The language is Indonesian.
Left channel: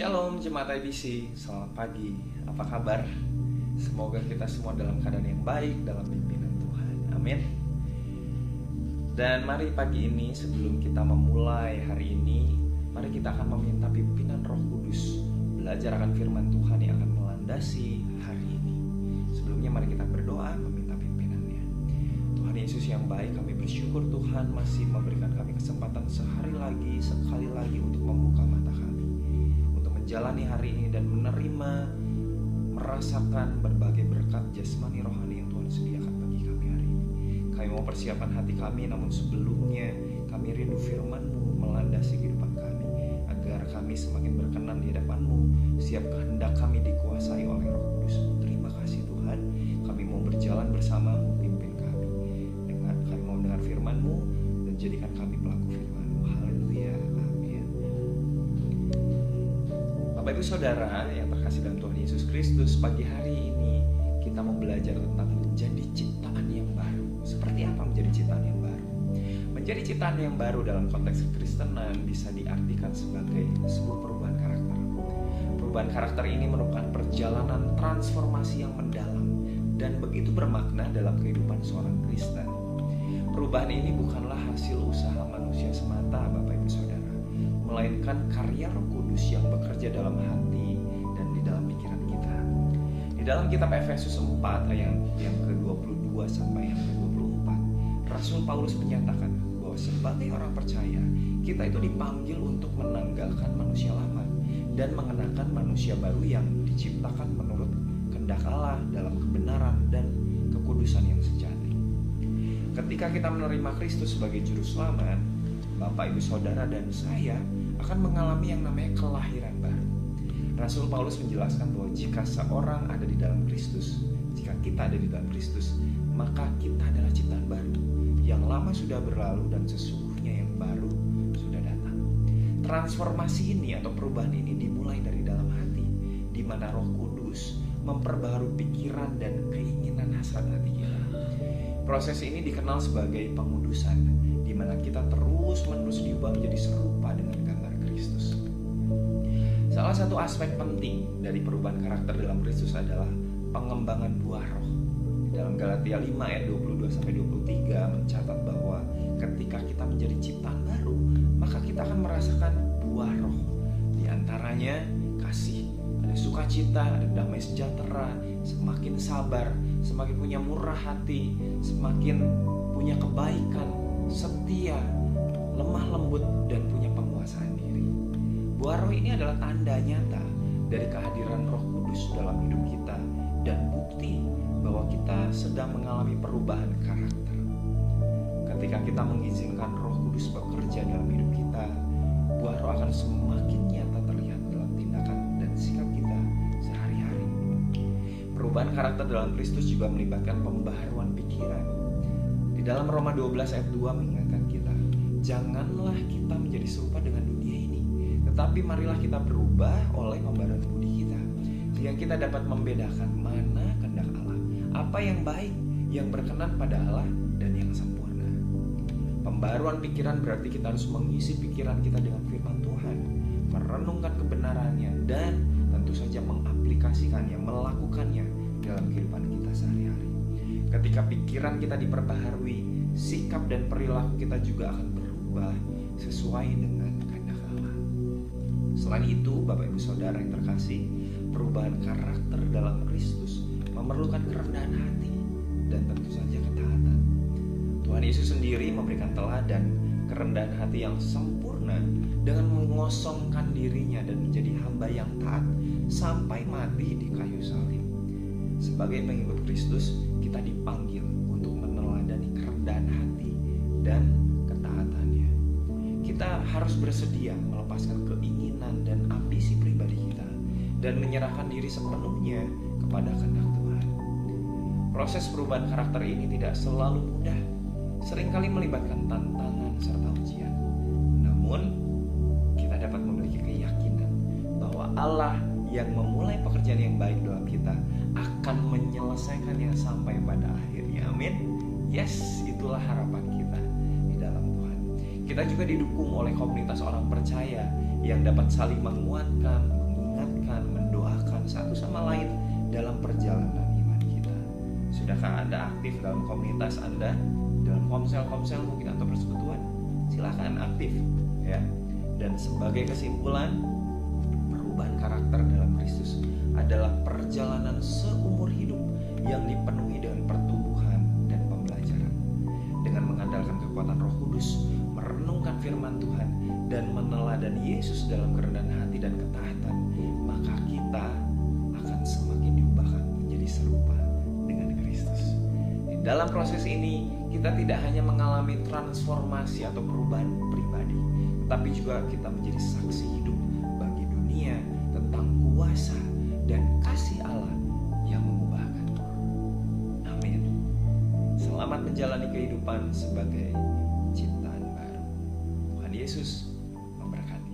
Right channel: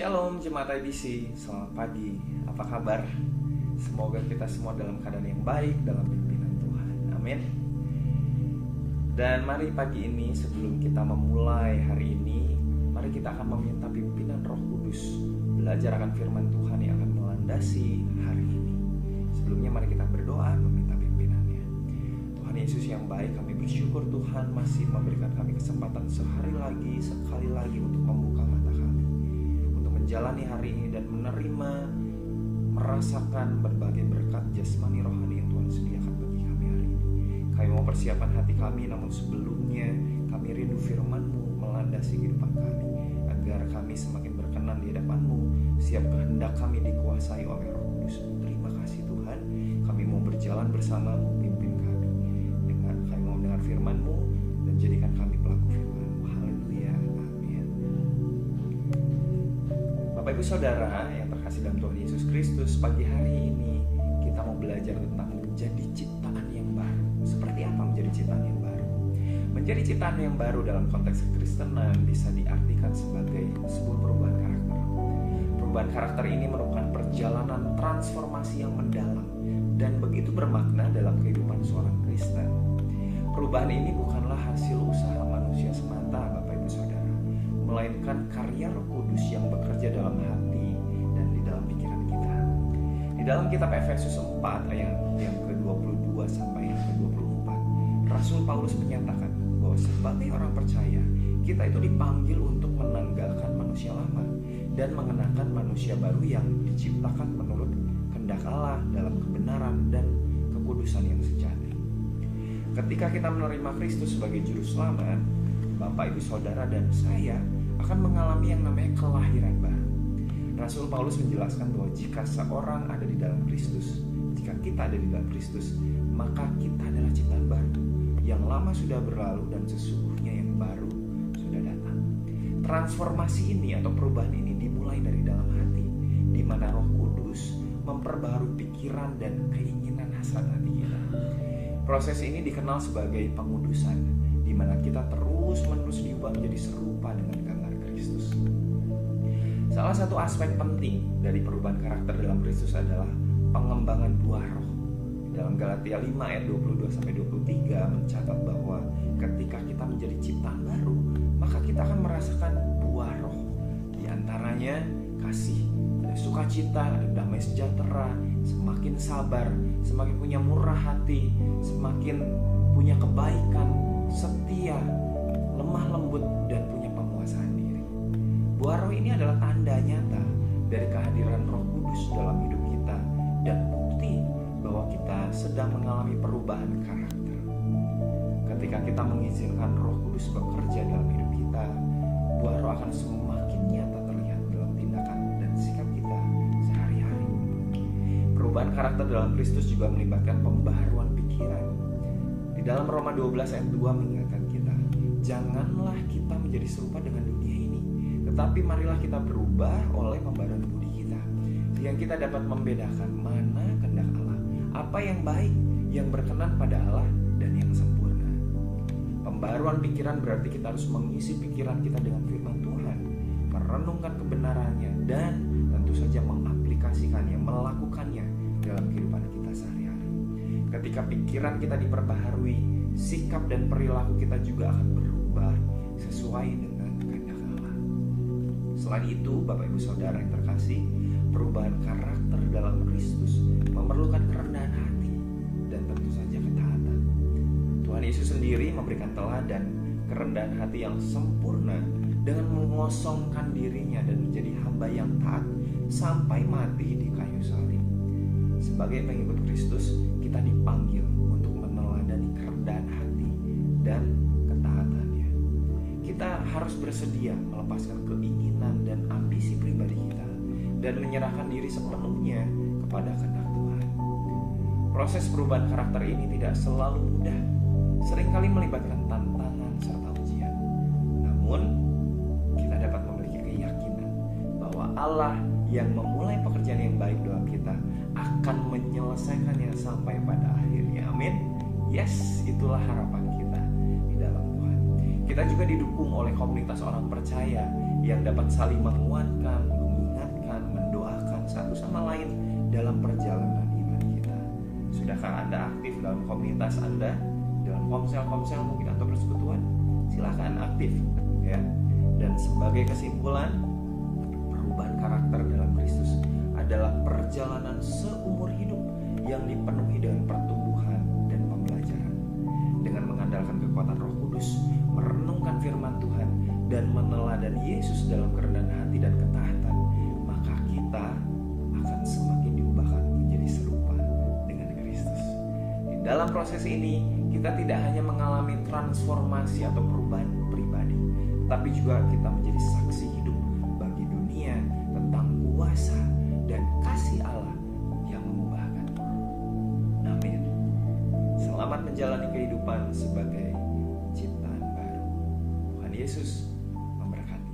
Shalom Jemaat IBC, selamat pagi, apa kabar? Semoga kita semua dalam keadaan yang baik dalam pimpinan Tuhan, amin. Dan mari pagi ini sebelum kita memulai hari ini, mari kita akan meminta pimpinan Roh Kudus belajar akan firman Tuhan yang akan melandasi hari ini. Sebelumnya mari kita berdoa meminta pimpinannya. Tuhan Yesus yang baik, kami bersyukur Tuhan masih memberikan kami kesempatan sekali lagi untuk membuka mata kami, menjalani hari ini dan merasakan berbagai berkat jasmani rohani yang Tuhan sediakan bagi kami hari ini. Kami mau persiapan hati kami, namun sebelumnya kami rindu firman-Mu melandasi kehidupan kami, agar kami semakin berkenan di hadapan-Mu. Siap kehendak kami dikuasai oleh Roh Kudus-Mu. Terima kasih Tuhan, kami mau berjalan bersama-Mu, pimpin kami. Kami mau mendengar firman-Mu dan jadikan kami pelaku firman-Mu. Haleluya. Bapak Ibu Saudara yang terkasih dalam Tuhan Yesus Kristus, pagi hari ini kita mau belajar tentang menjadi ciptaan yang baru. Seperti apa menjadi ciptaan yang baru? Menjadi ciptaan yang baru dalam konteks kekristenan bisa diartikan sebagai sebuah perubahan karakter. Perubahan karakter ini merupakan perjalanan transformasi yang mendalam dan begitu bermakna dalam kehidupan seorang Kristen. Perubahan ini bukanlah hasil usaha manusia semata, Bapak Ibu Saudara, melainkan karya Roh Kudus yang bekerja dalam hati dan di dalam pikiran kita. Di dalam kitab Efesus 4 ayat yang ke-22 sampai yang ke-24, Rasul Paulus menyatakan bahwa sebagai orang percaya, kita itu dipanggil untuk menanggalkan manusia lama dan mengenakan manusia baru yang diciptakan menurut kehendak Allah dalam kebenaran dan kekudusan yang sejati. Ketika kita menerima Kristus sebagai juru selamat, Bapak, Ibu, Saudara, dan saya akan mengalami yang namanya kelahiran baru. Rasul Paulus menjelaskan bahwa jika seorang ada di dalam Kristus, jika kita ada di dalam Kristus, maka kita adalah ciptaan baru. Yang lama sudah berlalu dan sesungguhnya yang baru sudah datang. Transformasi ini atau perubahan ini dimulai dari dalam hati, di mana Roh Kudus memperbaharui pikiran dan keinginan hasrat hati kita. Proses ini dikenal sebagai pengudusan, di mana kita terus-menerus diubah menjadi serupa dengan gambar Kristus. Salah satu aspek penting dari perubahan karakter dalam Kristus adalah pengembangan buah roh. Dalam Galatia 5 ayat 22-23 mencatat bahwa ketika kita menjadi ciptaan baru, maka kita akan merasakan buah roh. Di antaranya kasih, ada sukacita, ada damai sejahtera, semakin sabar, semakin punya murah hati, semakin punya kebaikan, setia, lemah lembut, dan punya penguasaan diri. Buah roh ini adalah tanda nyata dari kehadiran Roh Kudus dalam hidup kita dan bukti bahwa kita sedang mengalami perubahan karakter. Ketika kita mengizinkan Roh Kudus bekerja dalam hidup kita, buah roh akan semakin nyata terlihat dalam tindakan dan sikap kita sehari-hari. Perubahan karakter dalam Kristus juga melibatkan pembaharuan pikiran. Di dalam Roma 12 ayat 2 mengingatkan kita, janganlah kita menjadi serupa dengan dunia ini, tetapi marilah kita berubah oleh pembaharuan budi kita, sehingga kita dapat membedakan mana kehendak Allah, apa yang baik, yang berkenan pada Allah, dan yang sempurna. Pembaharuan pikiran berarti kita harus mengisi pikiran kita dengan firman Tuhan, merenungkan kebenarannya, dan tentu saja mengaplikasikannya, melakukannya dalam kehidupan kita sehari-hari. Ketika pikiran kita diperbaharui, sikap dan perilaku kita juga akan berubah sesuai dengan kehendak Allah. Selain itu, Bapak Ibu Saudara yang terkasih, perubahan karakter dalam Kristus memerlukan kerendahan hati dan tentu saja ketaatan. Tuhan Yesus sendiri memberikan teladan kerendahan hati yang sempurna dengan mengosongkan dirinya dan menjadi hamba yang taat sampai mati di kayu salib. Sebagai pengikut Kristus, kita dipanggil untuk meneladani kerendahan hati dan ketaatannya. Kita harus bersedia melepaskan keinginan dan ambisi pribadi kita dan menyerahkan diri sepenuhnya kepada kehendak Tuhan. Proses perubahan karakter ini tidak selalu mudah, seringkali melibatkan tantangan serta ujian. Namun, kita dapat memiliki keyakinan bahwa Allah yang memulai pekerjaan yang baik dalam kita akan menyelesaikannya sampai pada akhirnya. Amin. Yes, itulah harapan kita di dalam Tuhan. Kita juga didukung oleh komunitas orang percaya yang dapat saling menguatkan, mengingatkan, mendoakan satu sama lain dalam perjalanan iman kita. Sudahkah Anda aktif dalam komunitas Anda, dalam komsel-komsel mungkin atau persekutuan? Silakan aktif ya. Dan sebagai kesimpulan, perubahan karakter dalam Kristus adalah perjalanan seumur hidup yang dipenuhi dengan pertumbuhan dan pembelajaran. Dengan mengandalkan kekuatan Roh Kudus, merenungkan firman Tuhan, dan meneladani Yesus dalam kerendahan hati dan ketaatan, maka kita akan semakin diubahkan menjadi serupa dengan Kristus. Di dalam proses ini, kita tidak hanya mengalami transformasi atau perubahan pribadi, tetapi juga kita menjadi saksi hidup bagi dunia tentang kuasa dan kasih Allah yang mengubahkan. Amin. Selamat menjalani kehidupan sebagai ciptaan baru. Tuhan Yesus memberkati.